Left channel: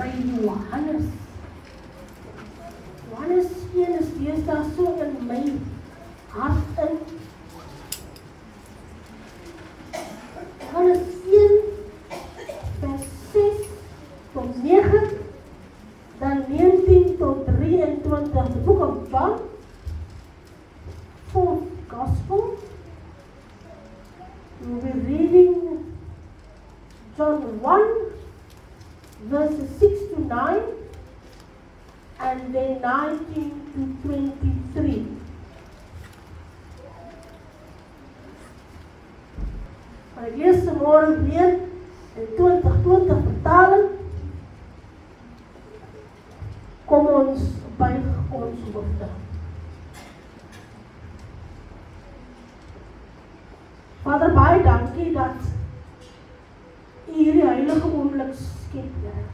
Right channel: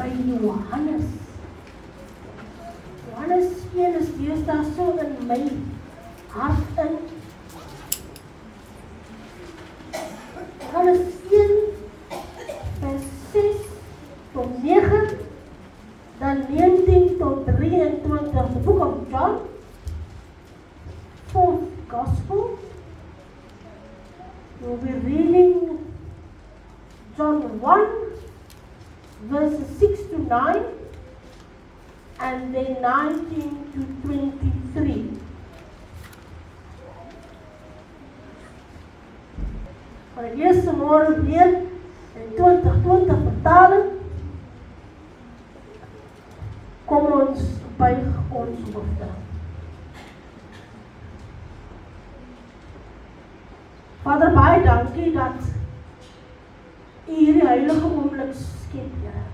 by Johannes. Johannes 1 is deesdae so in my hart in. Johannes 1 vers 6 tot 9, dan 19 tot 23, the book of John, 4th Gospel. We'll be reading John 1, verses 6 to 9, and then 19 to 23. Maar ek lees vanmôre weer in 2020 vertaling. Kom ons buig ons hoofde. Vader, baie dankie dat U hierdie heilige oomblik skep, Here.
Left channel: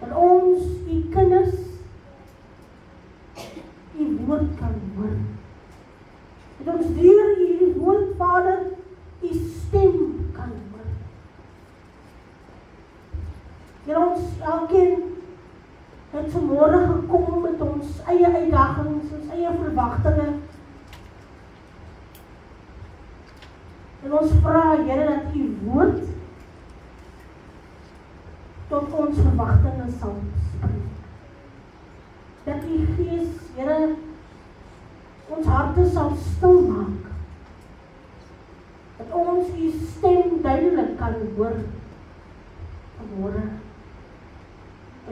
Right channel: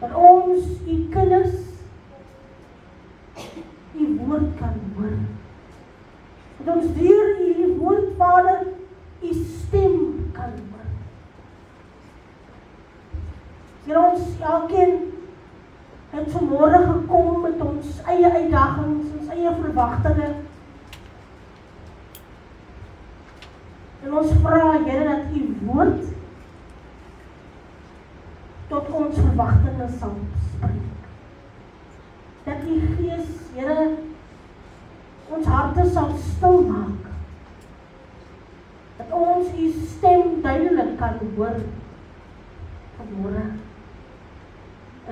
Dat ons, U kinders, U woord kan hoor. Dat ons deur hierdie woord, Vader, U stem kan hoor. Here, ons elkeen het vanmôre gekom met ons eie uitdagings, ons eie verwagtinge. En ons vra, Here, dat U woord tot ons verwagtinge sal spreek. Dat U Gees, Here, ons harte sal stil maak. Dat ons U stem duidelik kan hoor vanmôre.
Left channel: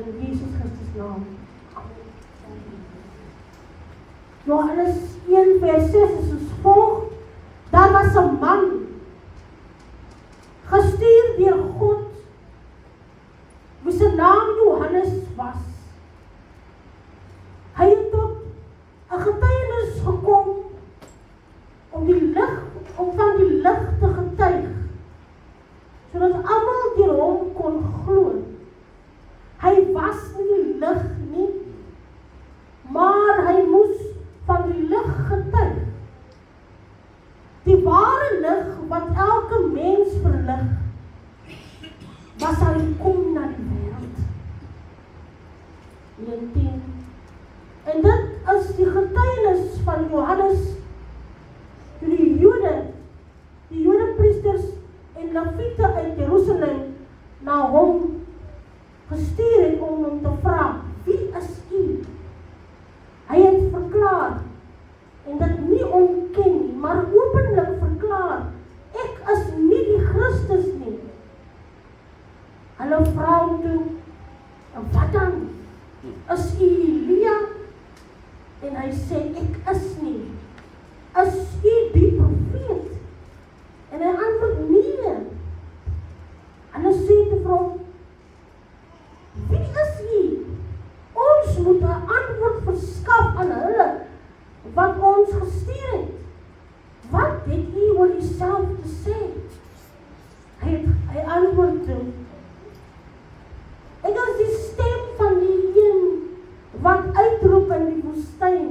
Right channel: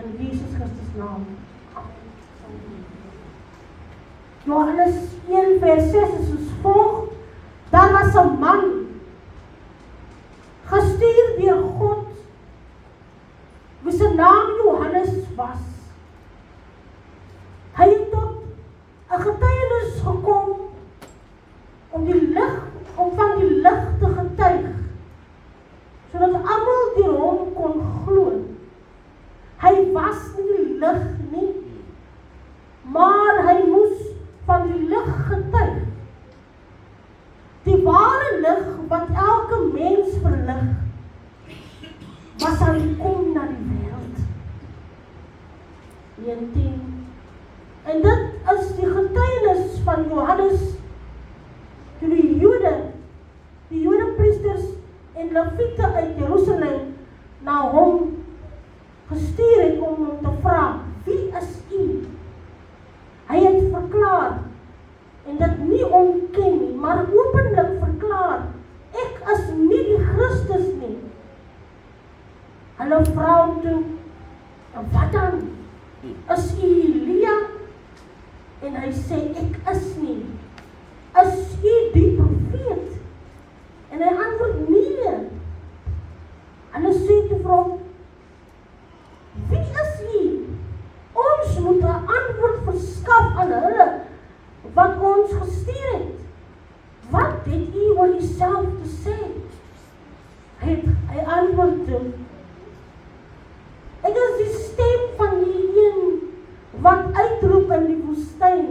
In Jesus Christus naam. Johannes 1 vers 6 is soos volg. Daar was 'n man gestuur deur God, wie se naam Johannes was. Hy het tot 'n getuienis gekom om van die lig te getuig, sodat almal deur hom kon glo. Hy was nie die lig nie, maar hy moes van die lig getuig. Die ware lig wat elke mens verlig, was hy kom na die wêreld. 19. En dit is die getuienis van Johannes, toe die Jode priesters en Lewiete uit Jerusalem na hom gestuur het om hom te vra, wie is U? Hy het verklaar, en dit nie ontken nie, maar openlik verklaar, ek is nie die Christus nie. Hulle vra hom toe, en wat dan? Is U Elia? En hy sê, ek is nie. Is U die profeet? En hy antwoord, nee. En hy sê toe vir hom, wie is U? Ons moet 'n antwoord verskaf aan hulle wat ons gestuur het. Wat het U oor Uself te sê? Hy antwoord toe, ek is die stem van die een wat uitroep in die woestyn,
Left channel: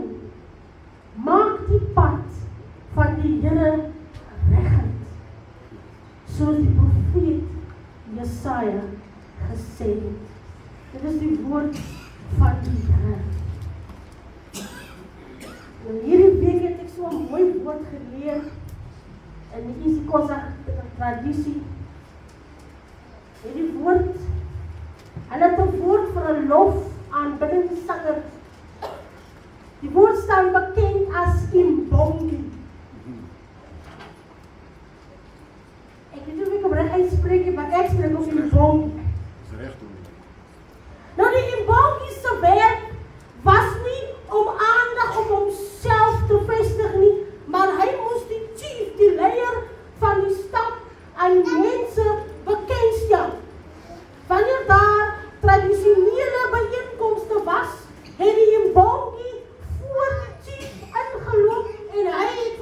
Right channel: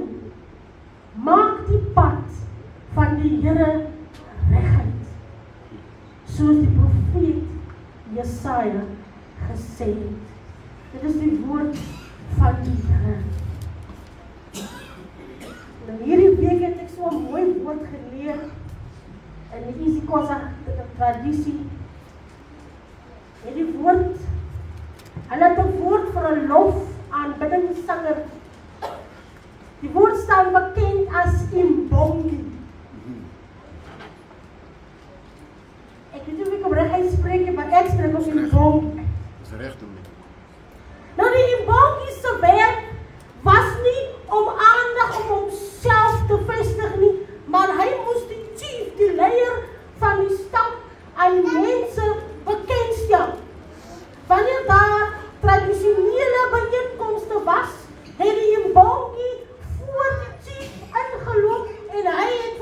maak die pad van die Here reguit, soos die profeet Jesaja gesê het. Dit is die woord van die Here. Nou hierdie week het ek so 'n mooi woord geleer in die isiXhosa tradisie. Hierdie woord, hulle het 'n woord vir 'n lof aanbiddingssanger. Die woord staan bekend as imbongi. Ek weet nie of ek op reg uitspreek, maar ek spreek op imbongi. Dis reg doen. Nou die imbongi se werk was nie om aandag op homself te vestig nie, maar hy moes die chief, die leier van die stam aan mense bekendstel. Wanneer daar tradisionele byeenkomste was, het die imbongi voor die chief ingeloop en hy het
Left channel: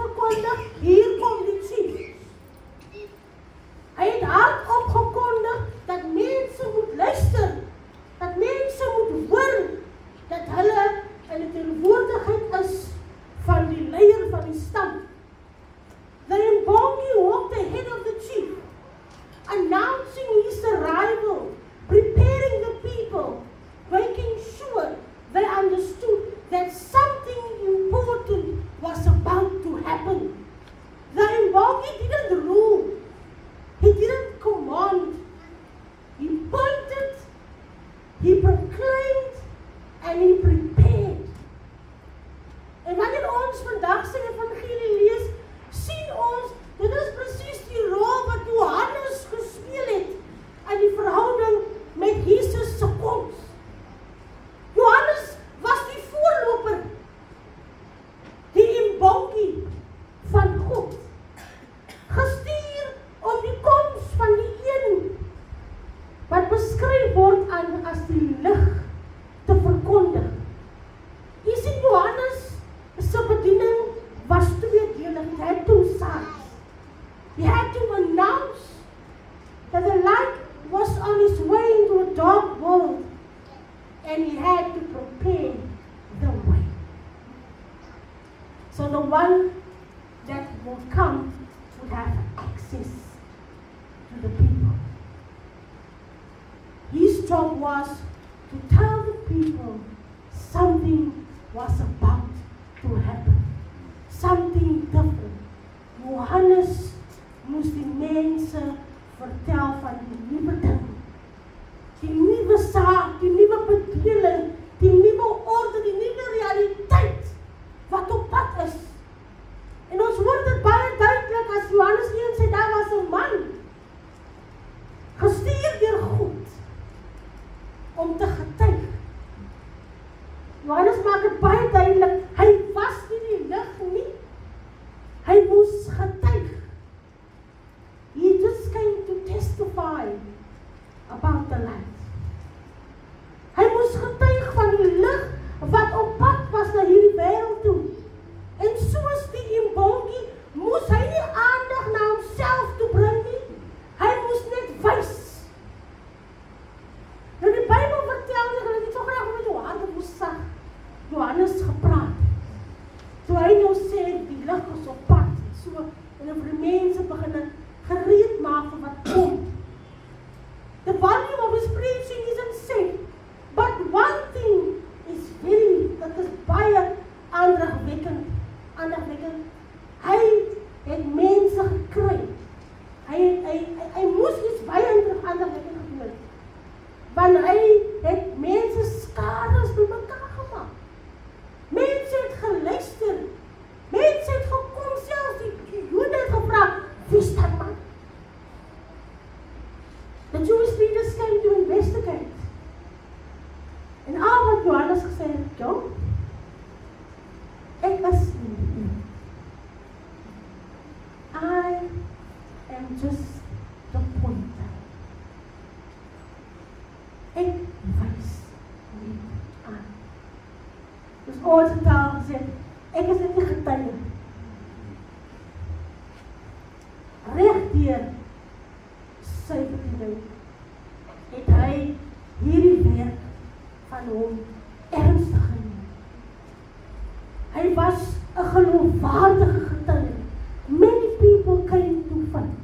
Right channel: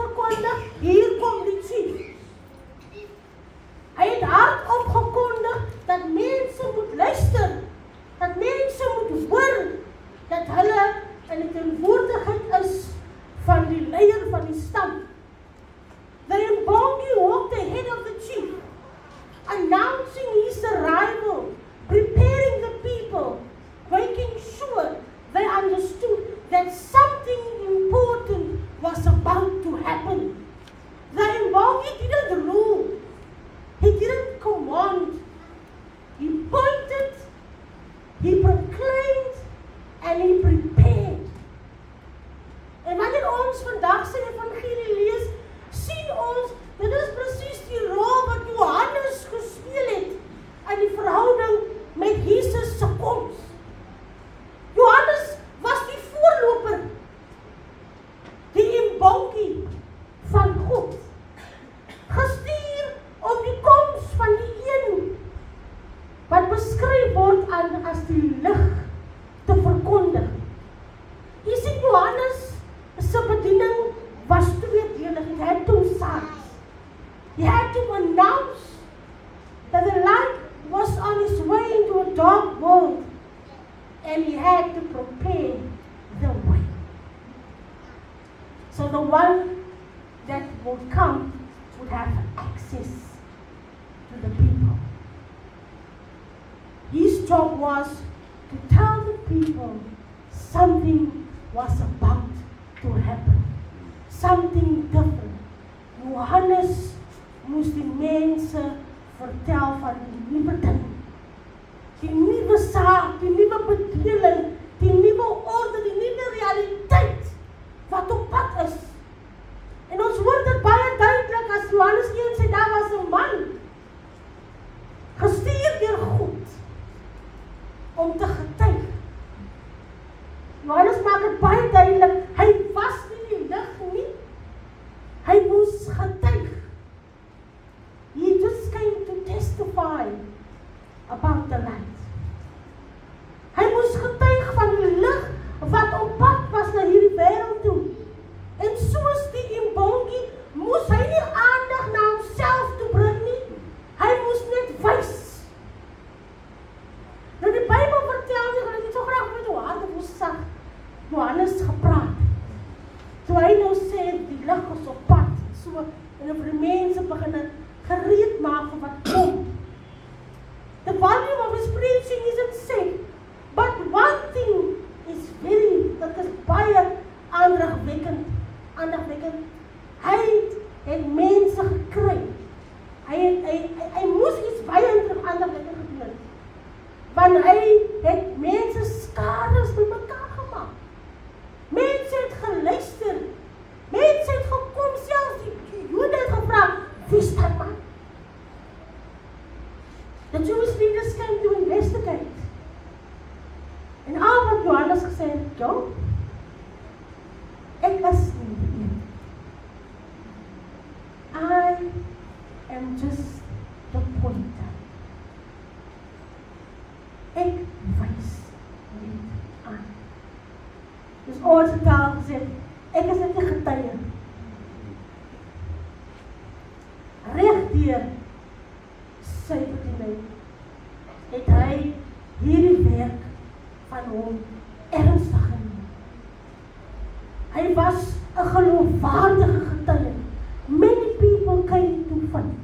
He proclaimed and he prepared. En wanneer ons vandag sy evangelie lees, sien ons, dit is presies die rol wat Johannes gespeel het in die verhouding met Jesus se koms. Johannes was die voorloper, die imbonkie van God, gestuur om die koms van die een wat beskryf word as die lig te verkondig. Jy sien, Johannes se bediening was tweedelig. He had two sides. He had to announce that the light was on his way into a dark world, and he had to prepare the way. So the one that would come would have access to the people. His job was to tell the people something was about to happen. Something different. Johannes moes die mense vertel van die nuwe ding. Die nuwe saak, die nuwe bedeling, die nuwe orde, die nuwe realiteit wat op pad is. En ons hoor dit baie duidelik as Johannes 1 sê, daar was 'n man gestuur deur God om te getuig. Johannes maak dit baie duidelik, hy was nie die lig nie, hy moes getuig. He just came to testify about the light. Hy moes getuig van die lig wat op pad was na hierdie wêreld toe. En soos die imbongie moes hy nie aandag na homself toe bring nie, hy moes net wys. Nou die Bybel vertel nie, dat hy so graag met jou harte moes sag, Johannes gepraat. Toe hy nou sê, die lig is op pad, so, en vir die mense begin gereed maak vir wat kom. The volume of his preaching isn't safe, but one thing is dat is baie aandagwekkend. Hy het mense gekry. Hy moes iets baie aandagwekkend gedoen. Want hy het mense skades bymekaar gemaak. Mense het geluister. Mense het gekom, selfs die Jode het gevra, wie is dat man? The Jewish leaders came to investigate. En al wat Johannes gesê het, ek is nie die een. I am just the pointer. Ek wys net aan. Dus ons het al gesê, ek is net die getuie. Regdeur sy bediening het hy hierdie werk van hom ernstig geneem. Hy was 'n geloofwaardige getuie. Many people came to find.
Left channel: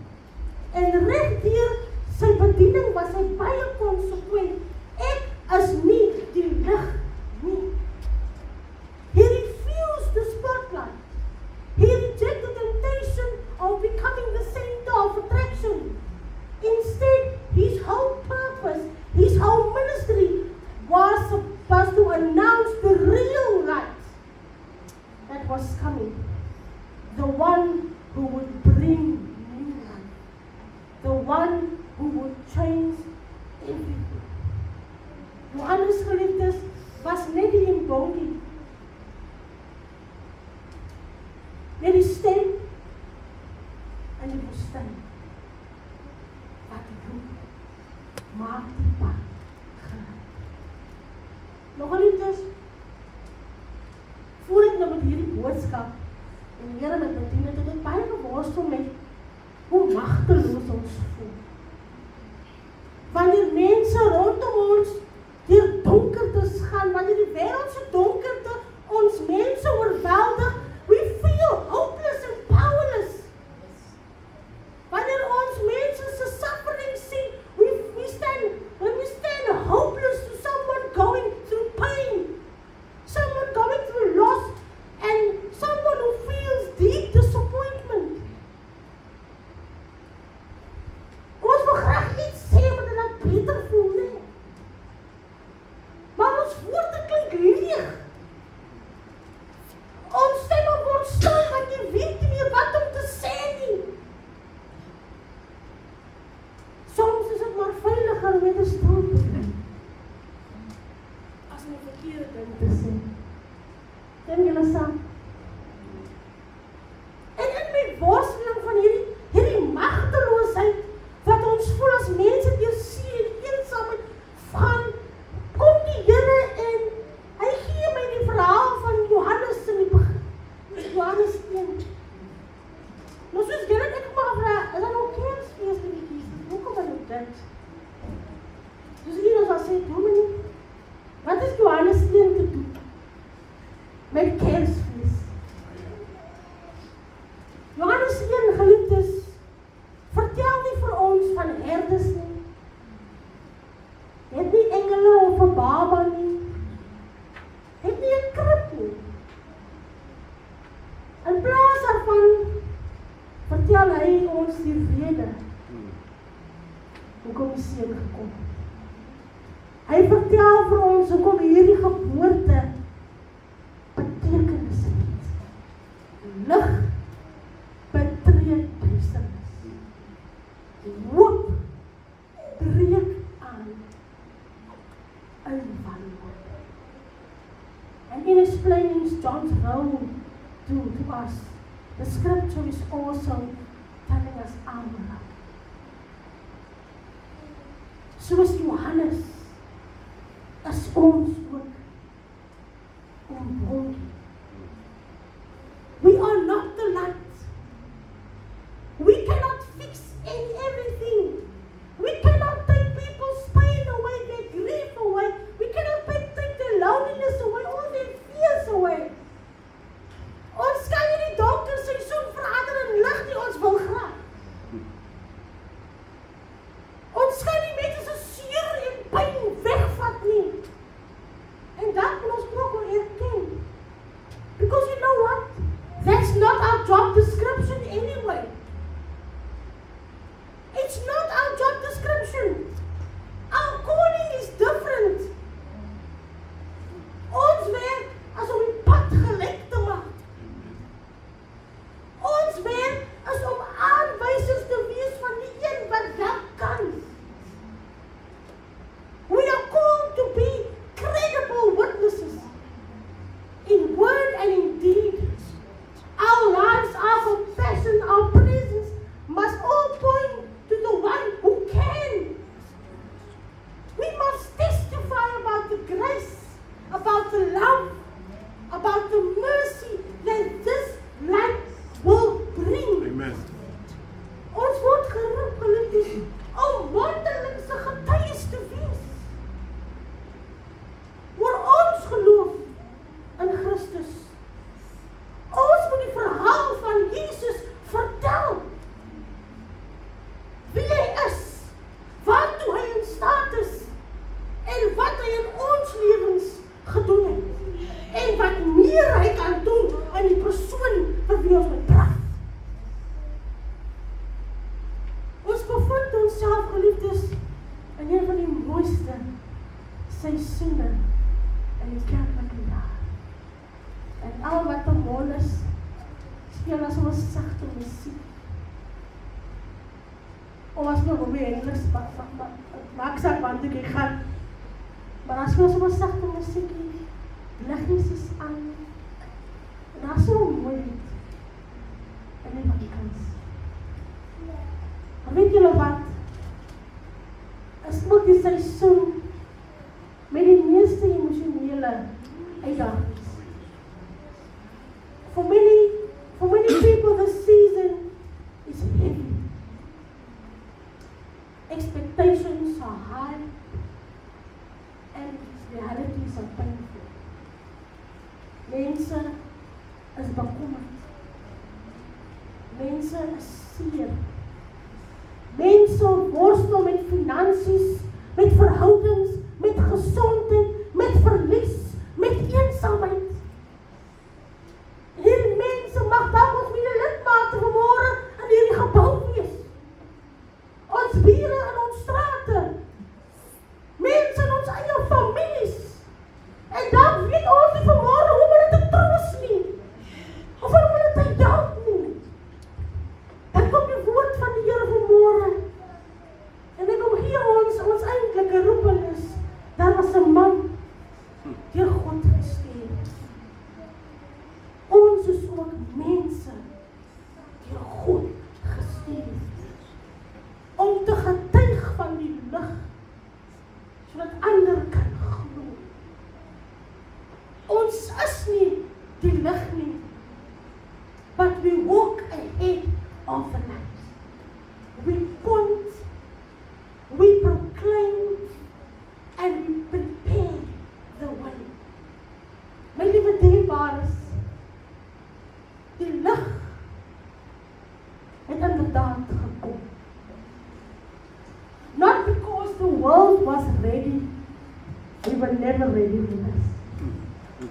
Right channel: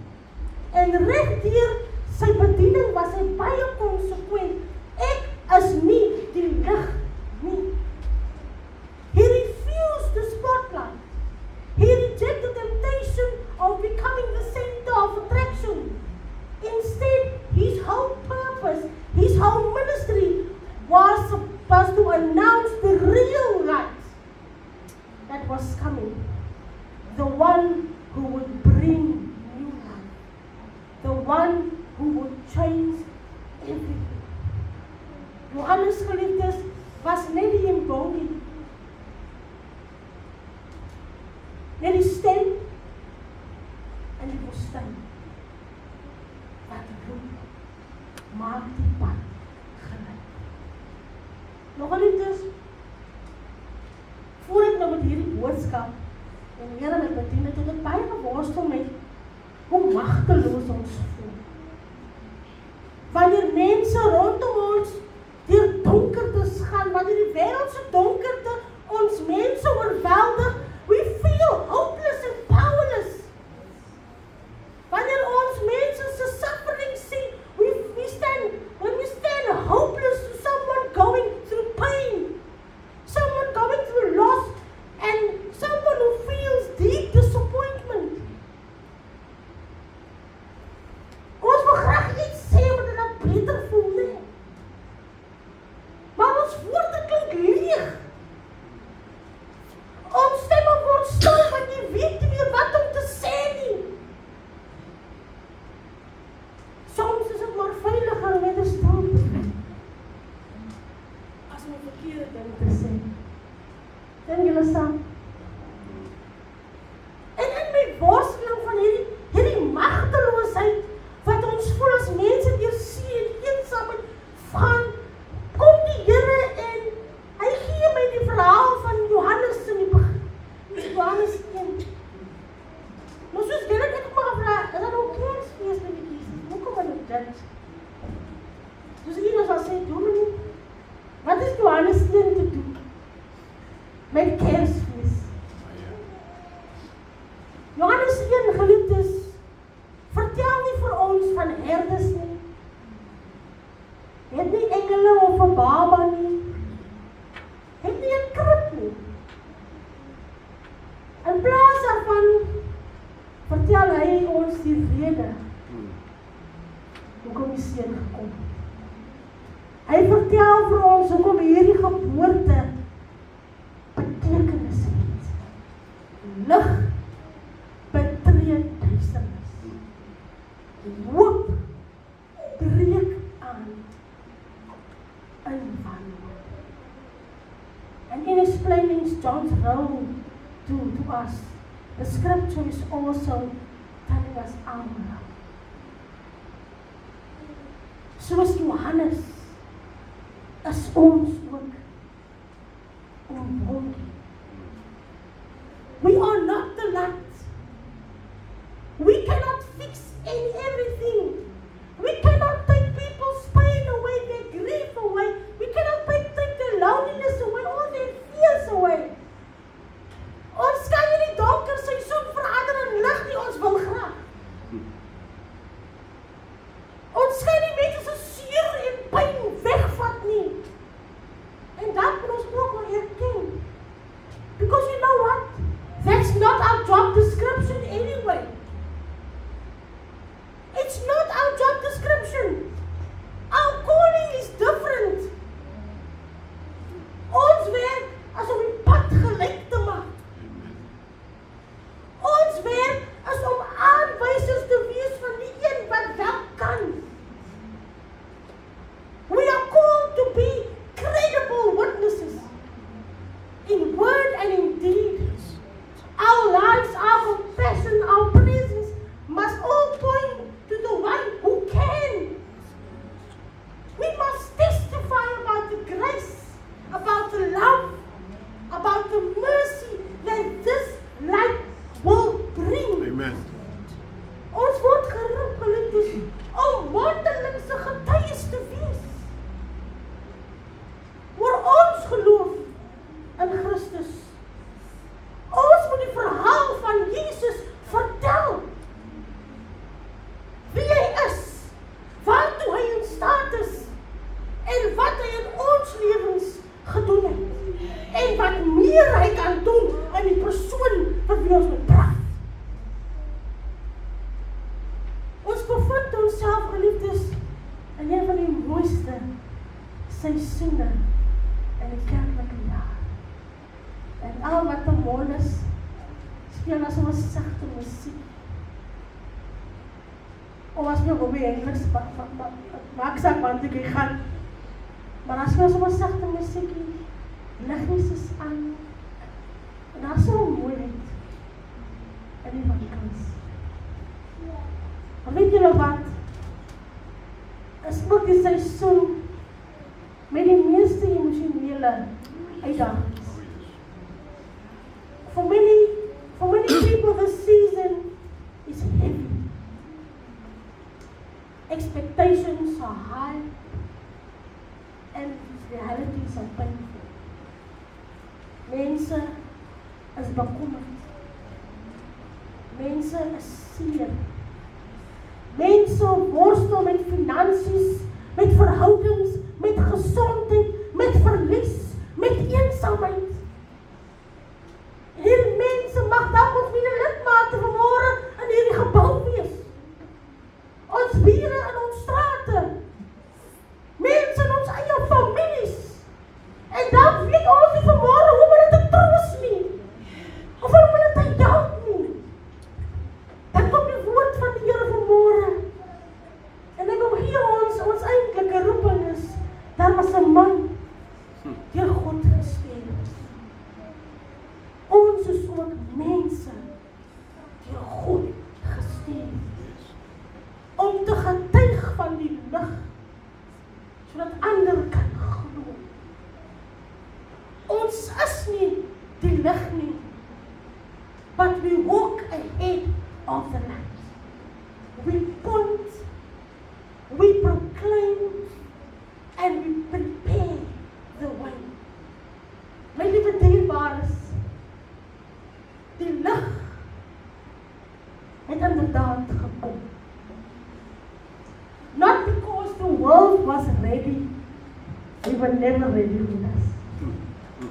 En regdeur sy bediening was hy baie konsekwent. Ek is nie die lig nie. He refused the spotlight. He rejected the temptation of becoming the center of attraction. Instead, his whole purpose, his whole ministry was supposed to announce the real light that was coming. The one who would bring new life. The one who would change everything. Johannes geliefdes was net die imbongie. Net die stem in die woestyn. Wat roep, maak die pad gelyk. Nog geliefdes, voor ek nou met hierdie boodskap en die Here my bedien het, het ek baie geworstel met hoe magteloos ons voel. Wanneer mense rondom ons deur donkertes gaan, wanneer die wêreld se donkerte ons mense oorweldig, we feel hopeless and powerless. Wanneer ons mense se suffering sien, when we stand hopeless to someone going through pain, someone going through loss, and someone met Kersfees. Johannes 1, geliefdes, vertel nie vir ons van herders nie. Het nie engele of 'n baba nie. Het nie 'n krib nie. In plaas daarvan vertel hy ons die rede hoekom die seun gekom het. Hy vertel vir ons hoekom hierdie geboorte betekenis het. Lig betree duisternis. Hoop breek aan in wanhoop. And in explaining John's role to us, the scripture is also telling us our role. Soos Johannes is ons ook onbondig. We are not the light. We cannot fix everything. We cannot take people's pain away, their grief away. We cannot take their loneliness away, all their fears away. Ons kan nie die donker seisoen verander in lig nie, ons wil graag. Ons kan nie mense se seer en pyn wegvat nie. En dat moet ons ook wel erken. Because you know what? That's not our job description anyway. It's not our job description. Our calling is different. Ons werk as om die pad gelyk te maak. Ons werk is om aanwysers te wees van die een wat wel kan. We are called to be credible witnesses in word and in deed. Our lives, our compassion, our presence must all point to the one who can. We must testify about the grace, about the love, about the mercy that this light will bring. Amen. Ons word geroep, geliefdes, om mondelingse getuies te wees. Oor ons geloof in Christus. Ons moet die verhaal van Jesus vertel. Wie hy is, waartoe hy in staat is, en wat hy in ons lewens gedoen het, en wat meer hy kan doen in die persoon wat wie ons betraf. Ons bevind onsself, geliefdes, in een van die mooiste seisoene in die kerklike jaar. En al wat om ons speel as ons sagte musiek. Of as my hobby Engels maak saak want ek gaan. Maar as ons ons sagte musiek lig Jesus aan. En daar is so mooiheid in die vakans. Maar weet julle wat? Is ook die seisoen met die meeste emosionele uitdagings. For many people, this season is heavy. Expectations are high, and realities are painful. Mense is bekommerd. Mense is seer. Mense worstel met finansies, met verhoudings, met gesondheid, met verlies, met eensaamheid. Hierdie mense mag dalk ons mede-lidmate vanmôre in hierdie gebou wees. Ons bure in ons strate. Mense in ons eie families. En dan weet ons nie vanmôre hoe om hulle te troos nie. Of om hulle te help nie. Dan kom die woord van die Here vanmôre. En ek wil hier ons eintlike roeping is, daar was 'n man deur God gestuur. Ons is ook mense deur God gestuur om te getuig van die lig, sodat ander kan glo. Ons is nie die lig nie, but we walk ahead of the light. We point, we proclaim, and we prepare the way. My liewe dierbares, die lig het inderdaad gekom. Not because the world was ready, we were never ready with us.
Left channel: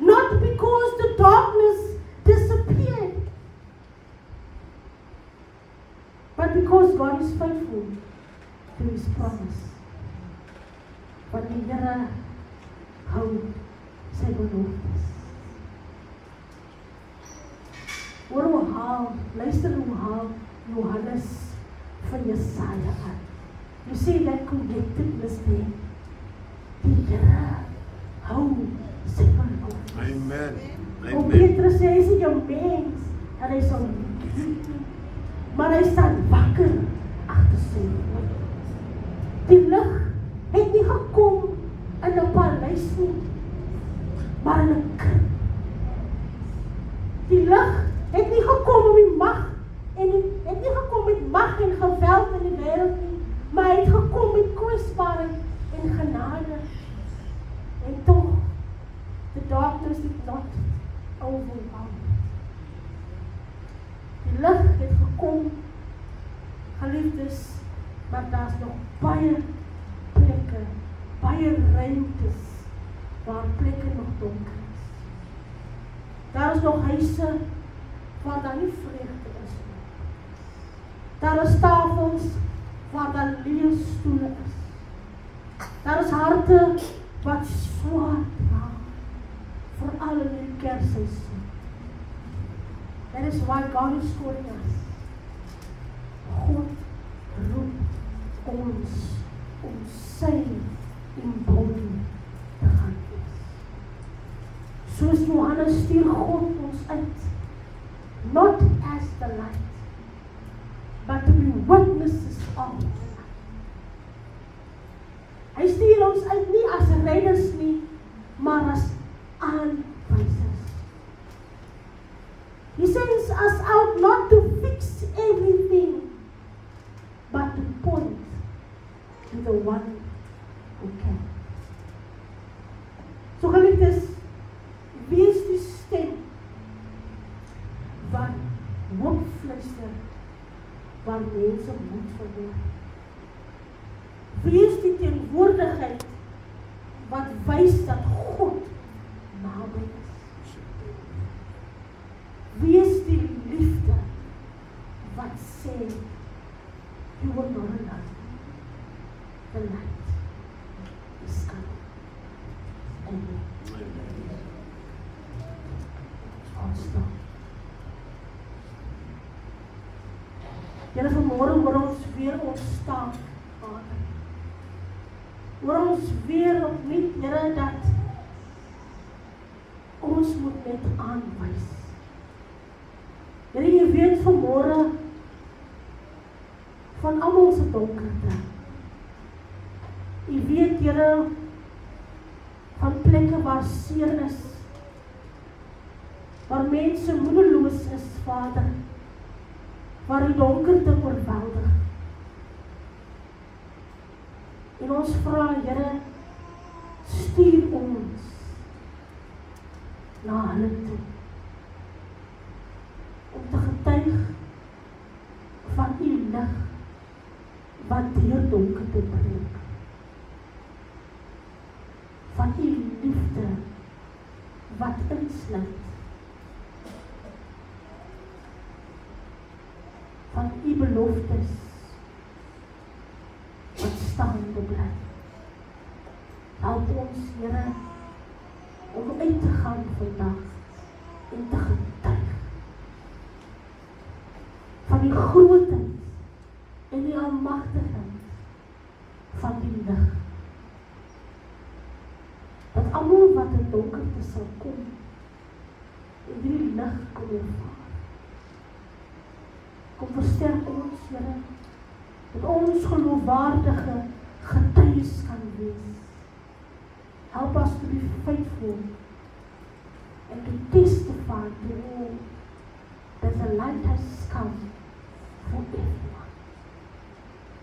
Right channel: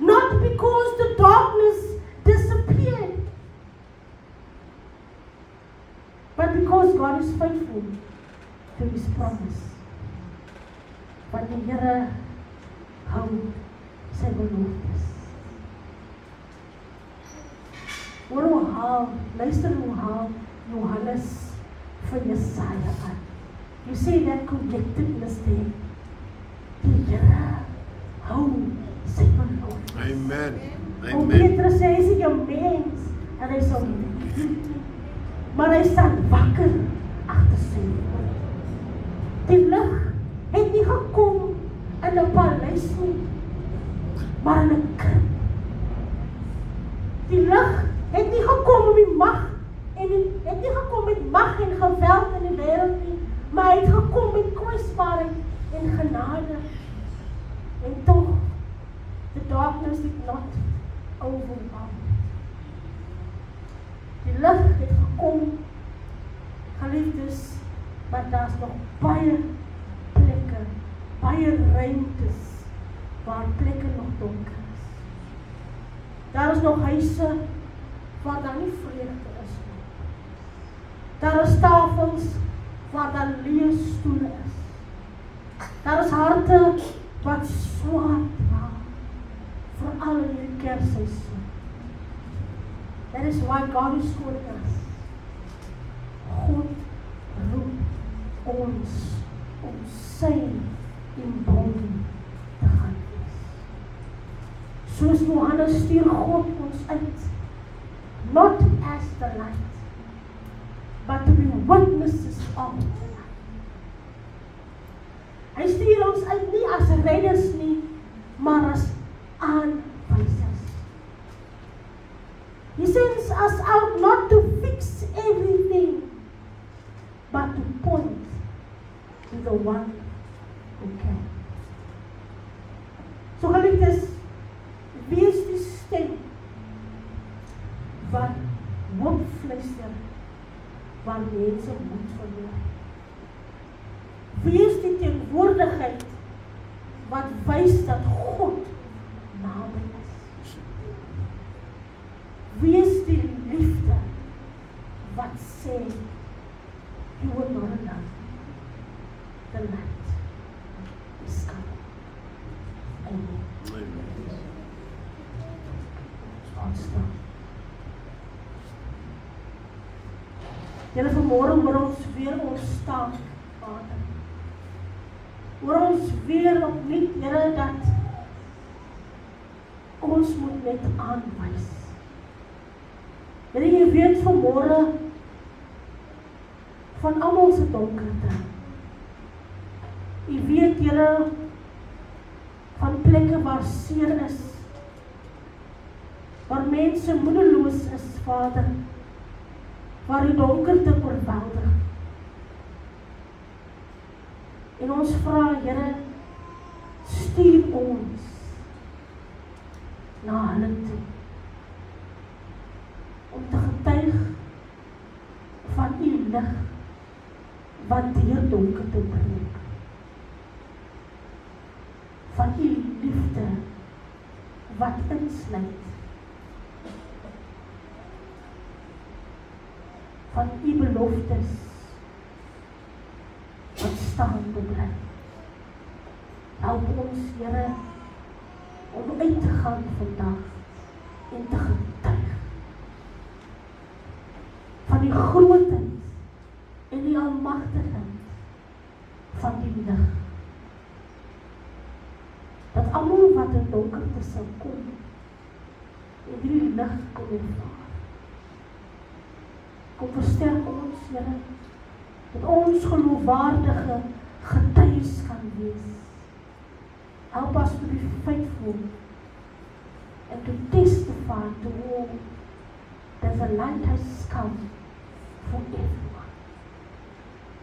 Not because the darkness disappeared, but because God is faithful to His promise. Want die Here hou sy beloftes. Hoor hoe haal, luister hoe haal Johannes van Jesaja aan. You see that connectedness there. Die Here hou sy beloftes. Amen. Om Petrus sê, hy is nie jou mens, en hy sal nie, maar hy staan wakker agter sy woord. Die lig het nie gekom in 'n paleis nie, maar in 'n krib. Die lig het nie gekom om die mag en het nie gekom met mag en geweld in die wêreld nie, maar hy het gekom met kwesbaarheid en genade. En tog, the darkness did not overwhelm. Die lig het gekom, geliefdes, maar daar's nog baie plekke, baie ruimtes waar plekke nog donker is. Daar is nog huise waar daar nie vreugde is nie. Daar is tafels waar daar leë stoele is. Daar is harte wat swaar dra, veral in hierdie Kersseisoen. That is why God is calling us. God roep ons om sy embodie te gaan wees. Soos Johannes stuur God ons uit, not as the light, but to be witnesses of the light. Hy stuur ons uit nie as redders nie, maar as aanwysers. He sends us out not to fix everything, but to point to the one who can. So geliefdes, wie is die stem wat hoop fluister waar mense moed verloor? Wie is die teenwoordigheid wat wys dat God naby is? Wie is die liefde wat sê, you will not allow the light is coming? Amen. Staan. Here, vanmôre hoor ons weer ontstaan, Vader. Hoor ons weer opnuut, Here, dat ons moet net aanwys. Here, jy weet vanmôre van almal se donkerte. Jy weet, Here, van plekke waar seer is, waar mense moedeloos is, Vader, waar die donkerte oorweldig. En ons vra, Here, stuur ons na hulle toe, om te getuig van u lig, wat deur donkerte breek. Van u liefde, wat insluit. Van u beloftes, wat staande bly. Help ons, Here, om uit te gaan vandag en te getuig van die grootheid en die almagtigheid van die lig. Dat almal wat in donkerte sal kom, en die lig kom ervaar. Kom versterk ons, Here, dat ons geloofwaardige getuies kan wees. Help us to be faithful and to testify to all that the light has come for everyone.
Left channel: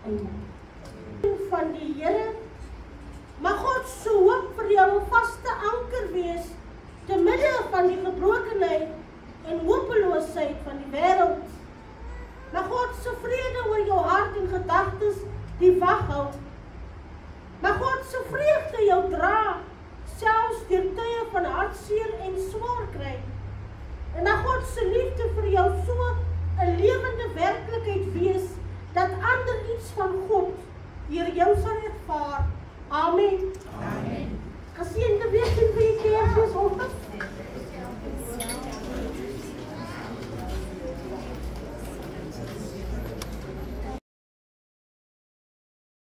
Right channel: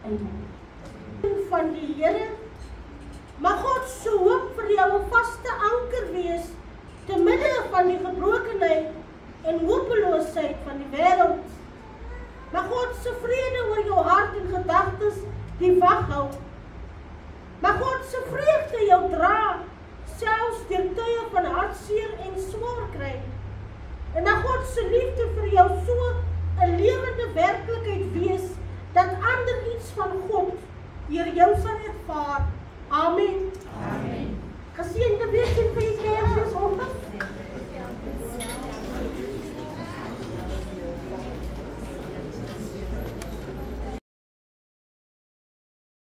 Amen. Van die Here, mag God se hoop vir jou 'n vaste anker wees van die gebrokenheid en hopeloosheid van die wêreld. Mag God se vrede oor jou hart en gedagtes die wag hou. Mag God se vreugde jou dra, selfs deur tye van hartseer en swaar kry. En mag God se liefde vir jou so 'n lewende werklikheid wees, dat ander iets van God deur jou sal ervaar. Amen. Amen. Geseënde